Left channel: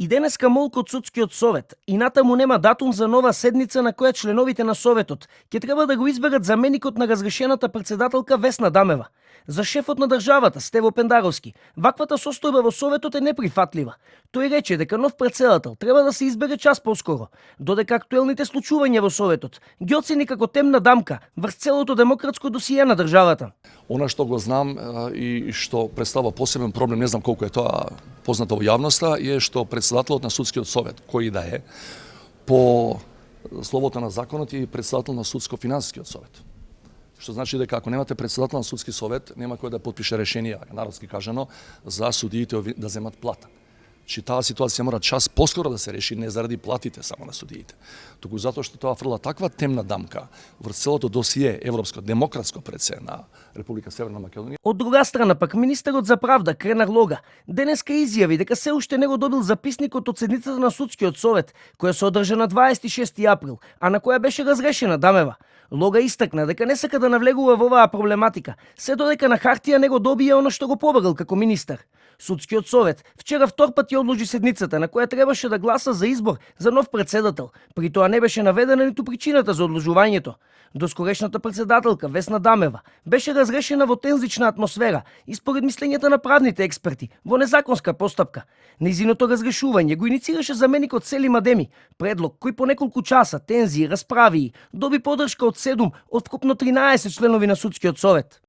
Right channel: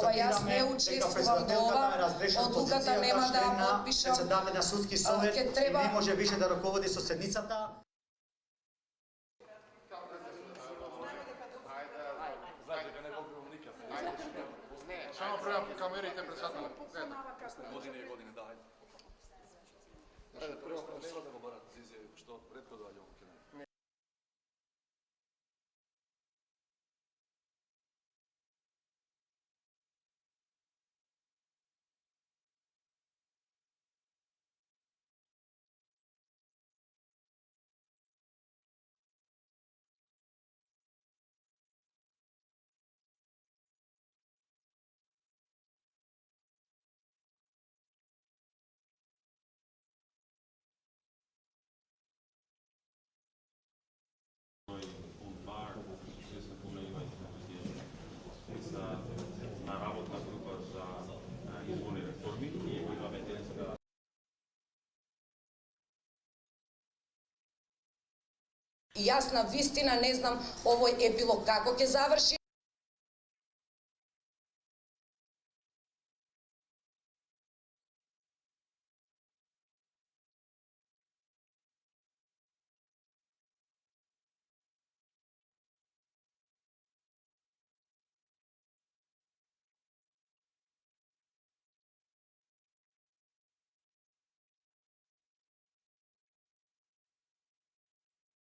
И денеска молку од судскиот совет. И натаму нема датум за нова седница на која членовите на советот ќе треба да го изберат заменикот на разрешената председателка Весна Дамева. За шефот на државата Стево Пендаровски, ваквата состојба во советот е неприфатлива. Тој рече дека нов председател треба да се избере час поскоро, додека актуелните случувања во советот ги оцени како темна дамка врз целото демократско досие на државата. Она што го знам и што представува посебен проблем, не знам колку е тоа познато во јавноста, е што председателот на судскиот совет, кој да е, по словото на законот е председател на судско-финансискиот совет. Што значи дека ако немате председател на судски совет, нема кој да потпише решение, народски кажано, за судиите да земат плата. Че таа ситуација мора час поскоро да се реши, не заради платите само на судиите, туку затоа што тоа фрла таква темна дамка врз целото досие европско демократско предсе на Република Северна Македонија. Од друга страна пак министерот за правда Кренар Лога денеска изјави дека се уште не го добил записникот од седницата на судскиот совет, која се одржа на 26 април, а на која беше разрешена Дамева. Лога истакна дека не сака да навлегува во оваа проблематика, се додека на хартија не го добија она што го побарал како министер. Судскиот совет вчера втор пат ја одложи седницата на која требаше да гласа за избор за нов председател. При тоа не беше наведена ниту причината за одложувањето. Доскорешната председателка Весна Дамева беше разрешена во тензична атмосфера и според мислењата на правните експерти во незаконска постапка. Нејзиното разрешување го иницираше заменикот Селим Адеми, предлог кој по неколку часа тензии, расправи доби поддршка од 7 од вкупно 13 членови на судскиот совет.